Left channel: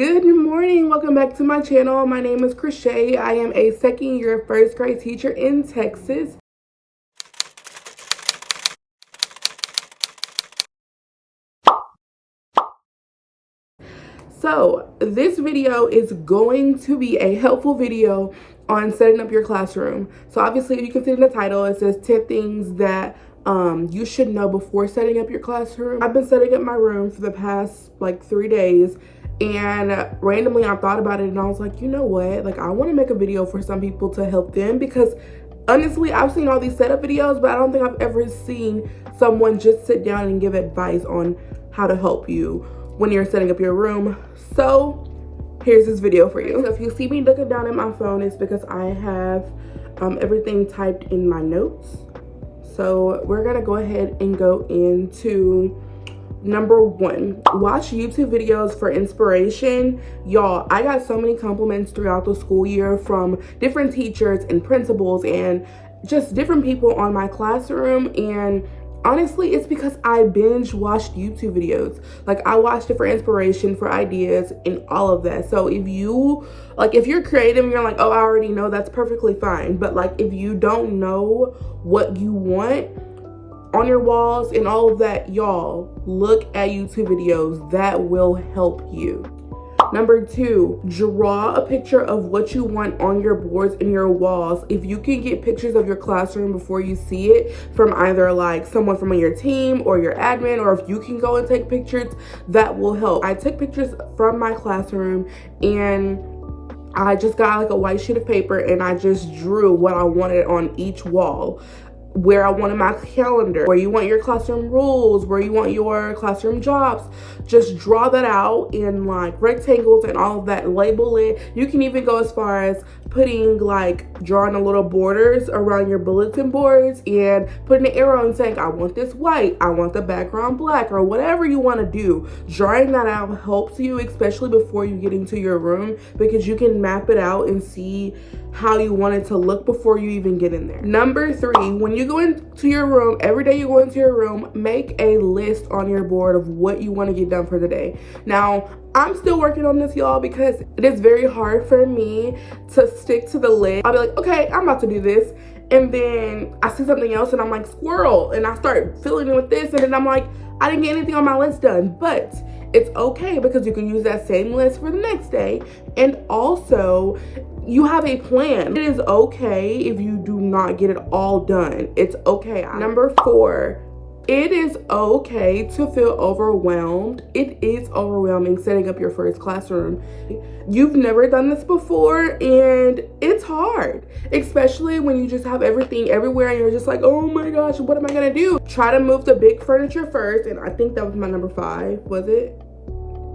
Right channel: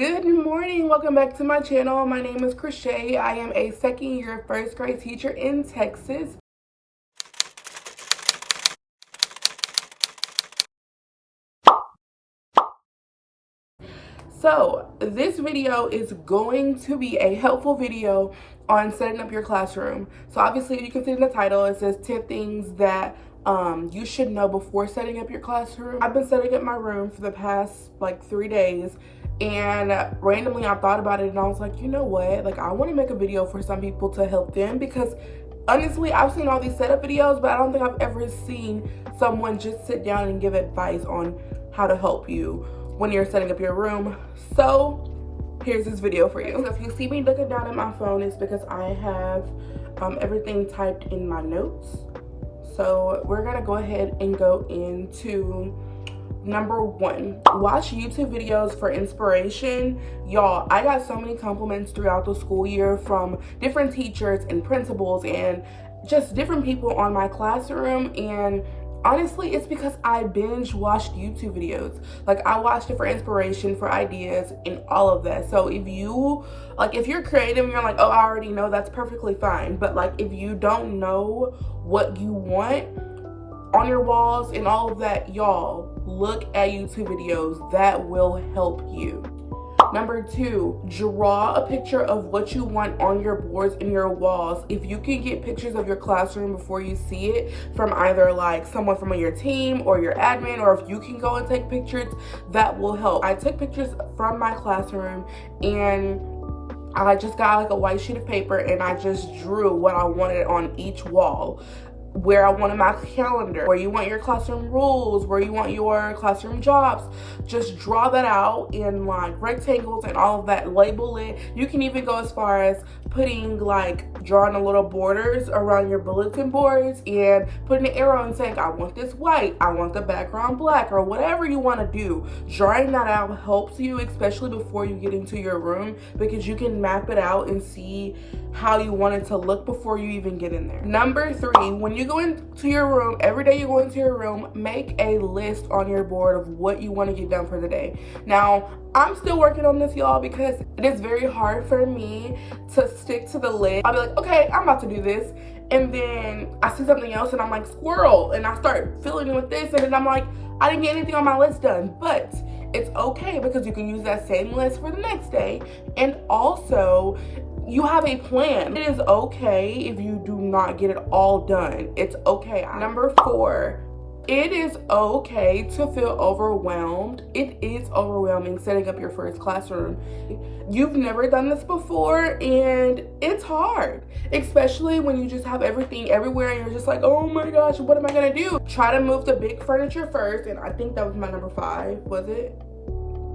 Good morning, welcome back to my channel. My name is Crochet. I am a second year first grade teacher in Texas. So this video is going to be a helpful video on setting up your classroom. So obviously you can see in the title, it says 10 things that you should know before setting up your classroom. I've been setting up my room for the past like 3 days, and randomly I thought about it and I was like, you know what, like I want to make a video for some people to help them, because honestly I've seen all these setup videos, but I don't think I've ever seen someone just sit down and give advice on how to help you when you're setting up your room. So here's this video for you. So if you see me looking down at my phone, it's because I have everything typed in my notes. So we're gonna go ahead and go into number 1. Watch YouTube videos for inspiration. Y'all, I got so many compliments throughout the school year from different teachers and principals and just different people on my classroom, and honestly it's because I binge watched YouTube videos. Like I watched it for inspiration, for ideas, and all of that. So if you're creative and you're like, oh, I already know, that's perfectly fine. But like if you don't know what you want on your walls and all of that, y'all, look at YouTube videos. That will help you. Number 2, draw a picture of what you want on your boards and your walls. If you can get pictures of your classroom before you see it from either like someone from your team or your admin, or if you can go and take pictures, that will help. I took pictures from my classroom and I just got like a white sheet of paper and I just drew what I wanted on each wall. Where I wanted my calendar, where you want your classroom rules, where you want your classroom jobs. Just draw that out in like rectangles and all of that, label it. You can even go as far as drawing a little borders around your bulletin boards and putting an arrow and saying, I want this white, I want the background black, or whatever you want to do. Drawing that out helps you, especially before you get into your room, because you can map it out and see how you want it to look before you even get in there. Number 3, when you go into your room, every day you go into your room, make a list on your board of what you want to get done for the day. Now, I'm still working on this, y'all, because it is very hard for me to stick to the list. I'll be like, okay, I'm about to do this, and then I see something else and I'm like, squirrel, and I start filling in with this, and then I'm like, I didn't get anything on my list done. But it's okay, because you can use that same list for the next day, and also you have a plan. It is okay if you do not get it all done. It's okay. Number 4, it is okay to feel overwhelmed. It is overwhelming setting up your first classroom. You've never done this before and it's hard, especially when you just have everything everywhere and you're just like, oh my gosh, what am I gonna do? Try to move the big furniture first, and I think that was my number 5, was it?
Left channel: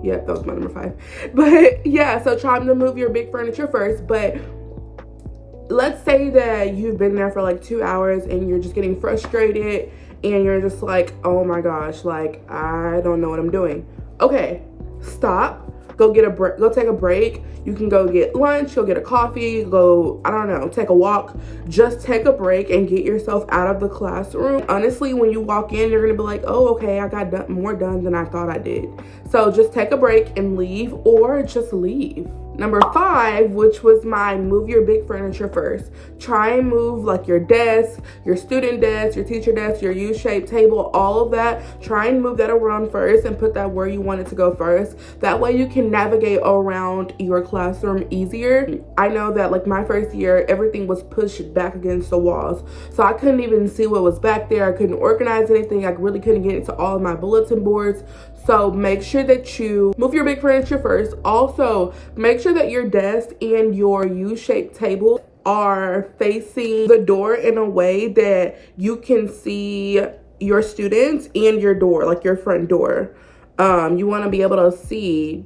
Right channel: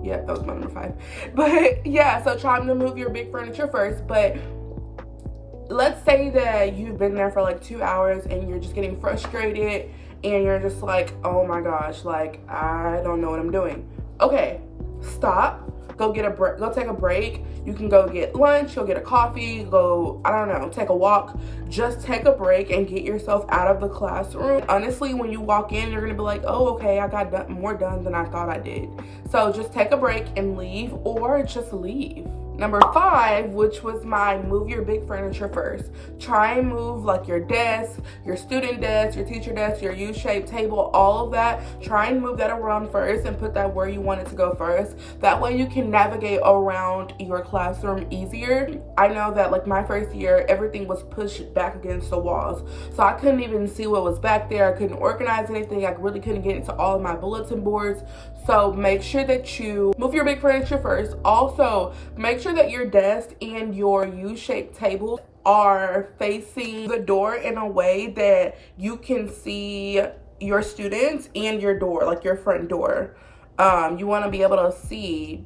Yeah, that was my number 5. But yeah, so try to move your big furniture first. But let's say that you've been there for like 2 hours and you're just getting frustrated and you're just like, oh my gosh, like I don't know what I'm doing. Okay, stop. Go get a break. Go take a break. You can go get lunch, go get a coffee, go, I don't know, take a walk. Just take a break and get yourself out of the classroom. Honestly, when you walk in, you're gonna be like, oh, okay, I got more done than I thought I did. So just take a break and leave, or just leave. Number 5, which was my move your big furniture first. Try and move like your desk, your student desk, your teacher desk, your U-shaped table, all of that. Try and move that around first and put that where you want it to go first. That way you can navigate around your classroom easier. I know that like my first year, everything was pushed back against the walls. So I couldn't even see what was back there. I couldn't organize anything. I really couldn't get into all of my bulletin boards. So make sure that you move your big furniture first. Also, make sure that your desk and your U-shaped table are facing the door in a way that you can see your students and your door, like your front door. You want to be able to see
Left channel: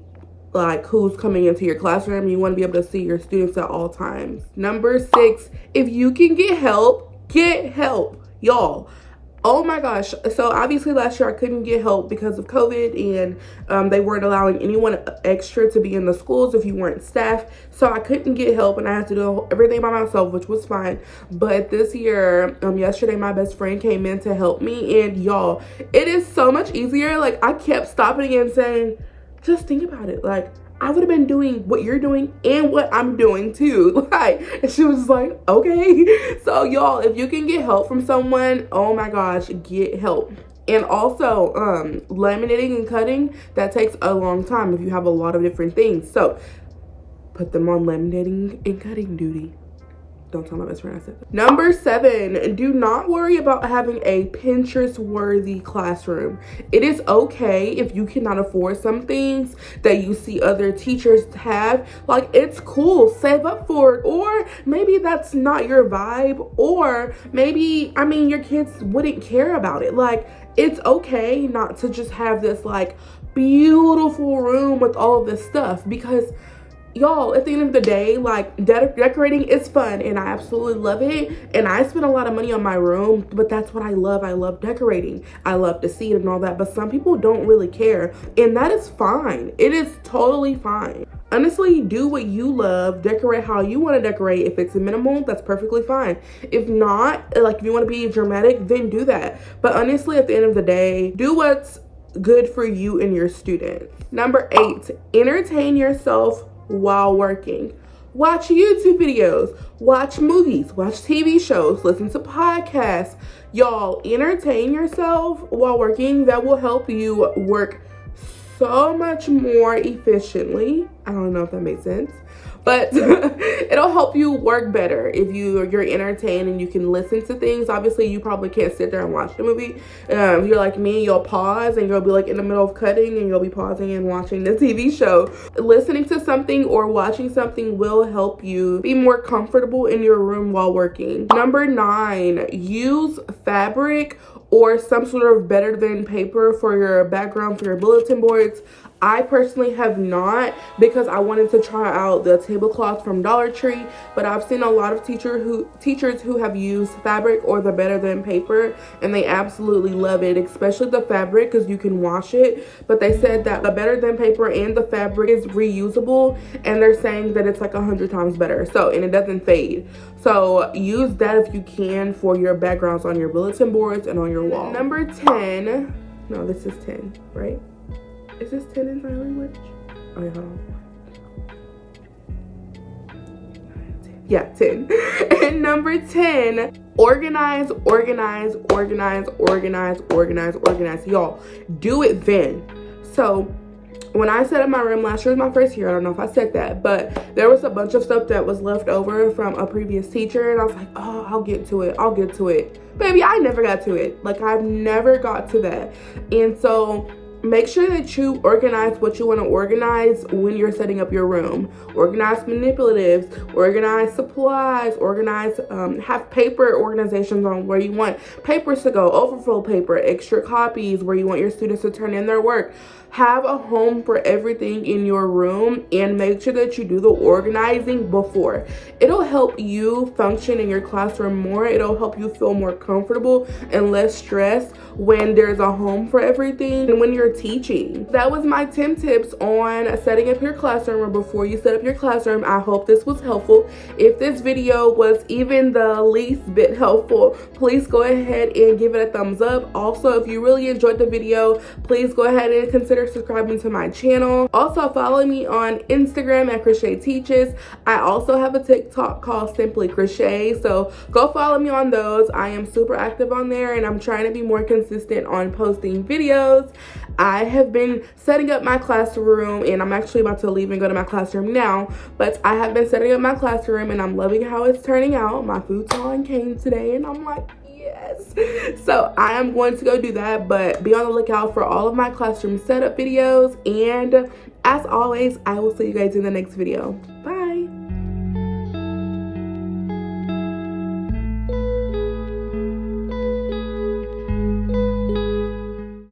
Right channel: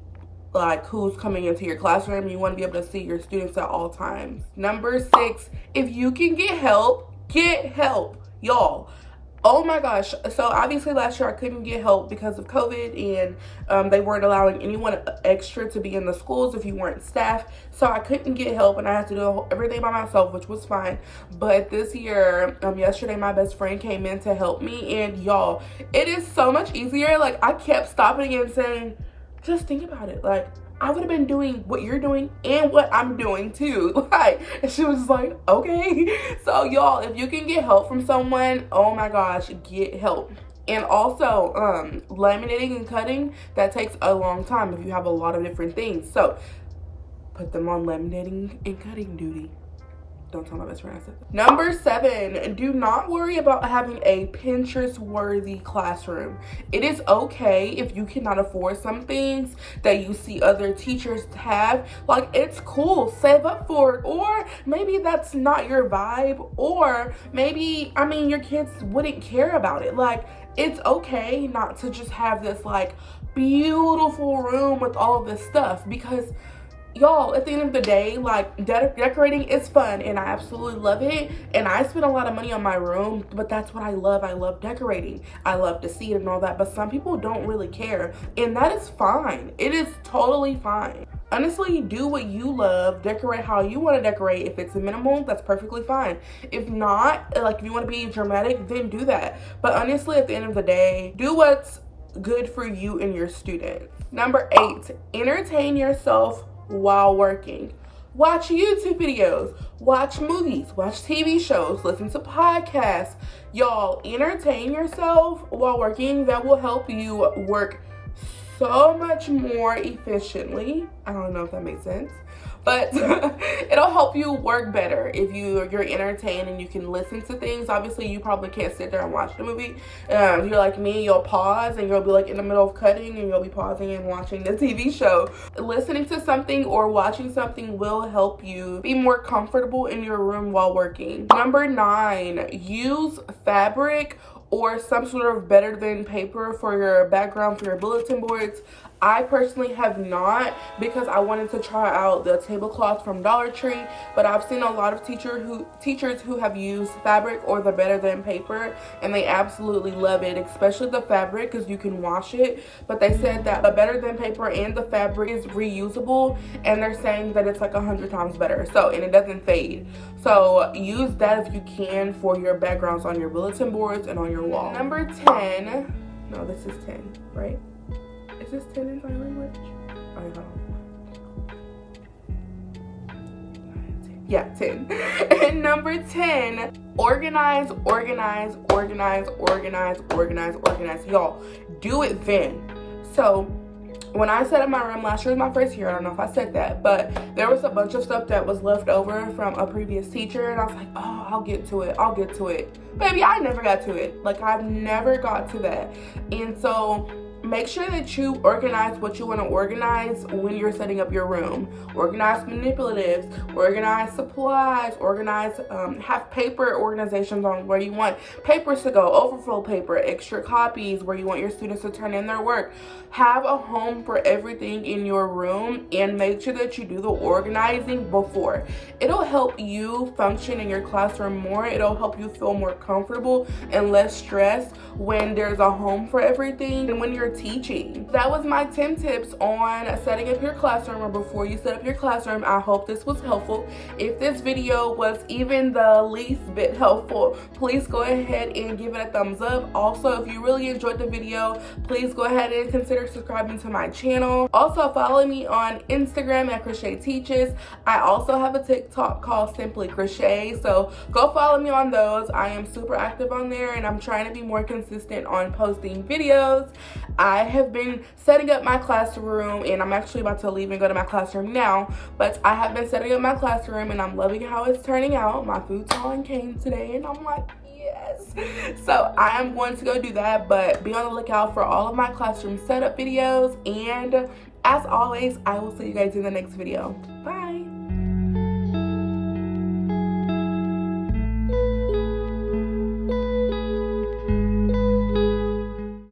like who's coming into your classroom. You want to be able to see your students at all times. Number 6, if you can get help, y'all. Oh my gosh. So obviously last year I couldn't get help because of COVID, and they weren't allowing anyone extra to be in the schools if you weren't staff. So I couldn't get help and I had to do everything by myself, which was fine. But this year, yesterday my best friend came in to help me, and y'all, it is so much easier. Like I kept stopping and saying, just think about it. Like I would have been doing what you're doing and what I'm doing too. Like, and she was like, okay. So y'all, if you can get help from someone, oh my gosh, get help. And also, laminating and cutting, that takes a long time if you have a lot of different things. So put them on laminating and cutting duty. Don't tell my best friend I said that. Number 7, do not worry about having a Pinterest-worthy classroom. It is okay if you cannot afford some things that you see other teachers have. Like, it's cool, save up for it. Or maybe that's not your vibe. Or maybe, I mean, your kids wouldn't care about it. Like, it's okay not to just have this, like, beautiful room with all of this stuff, because y'all, at the end of the day, like, decorating is fun and I absolutely love it, and I spend a lot of money on my room, but that's what I love. I love decorating. I love to see it and all that, but some people don't really care, and that is fine. It is totally fine. Honestly, do what you love, decorate how you want to decorate. If it's minimal, that's perfectly fine. If not, like, if you want to be dramatic, then do that. But honestly, at the end of the day, do what's good for you and your students. Number 8, entertain yourself while working. Watch YouTube videos, watch movies, watch TV shows, listen to podcasts. Y'all, entertain yourself while working. That will help you work so much more efficiently. I don't know if that makes sense, but it'll help you work better if you're entertained and you can listen to things. Obviously, you probably can't sit there and watch the movie. If you're like me, you'll pause and you'll be like in the middle of cutting and you'll be pausing and watching the TV show. Listening to something or watching something will help you be more comfortable in your room while working. Number 9, use fabric or some sort of better than paper for your background for your bulletin boards. I personally have not, because I wanted to try out the tablecloth from Dollar Tree, but I've seen a lot of teachers who have used fabric or the better than paper, and they absolutely love it, especially the fabric because you can wash it. But they said that the better than paper and the fabric is reusable, and they're saying that it's like 100 times better. So, and it doesn't fade. So use that if you can for your backgrounds on your bulletin boards and on your wall. Number 10, no, this is 10, right? Is this 10 in sign language? Okay, hold on. Yeah, 10. And number 10, organize. Y'all, do it then. So when I set up my room last year was my first year, I don't know if I said that, but there was a bunch of stuff that was left over from a previous teacher, and I was like, oh, I'll get to it. Baby, I never got to it. Like, I've never got to that. And so make sure that you organize what you want to organize when you're setting up your room. Organize manipulatives, organize supplies, have paper organizations on where you want papers to go, overflow paper, extra copies, where you want your students to turn in their work. Have a home for everything in your room, and make sure that you do the organizing before. It'll help you function in your classroom more. It'll help you feel more comfortable and less stressed when there's a home for everything and when you're teaching. That was my 10 tips on setting up your classroom, or before you set up your classroom. I hope this was helpful. If this video was even the least bit helpful, please go ahead and give it a thumbs up. Also, if you really enjoyed the video, please go ahead and consider subscribing to my channel. Also, follow me on Instagram at Crochet Teaches. I also have a TikTok called Simply Crochet, so go follow me on those. I am super active on there, and I'm trying to be more consistent on posting videos. I have been setting up my classroom, and I'm actually about to leave and go to my classroom now, but I have been setting up my classroom and I'm loving how it's turning out. My futon came today and I'm like, yes. So I am going to go do that, but be on the lookout for all of my classroom setup videos, and as always, I will see you guys in the next video. Bye.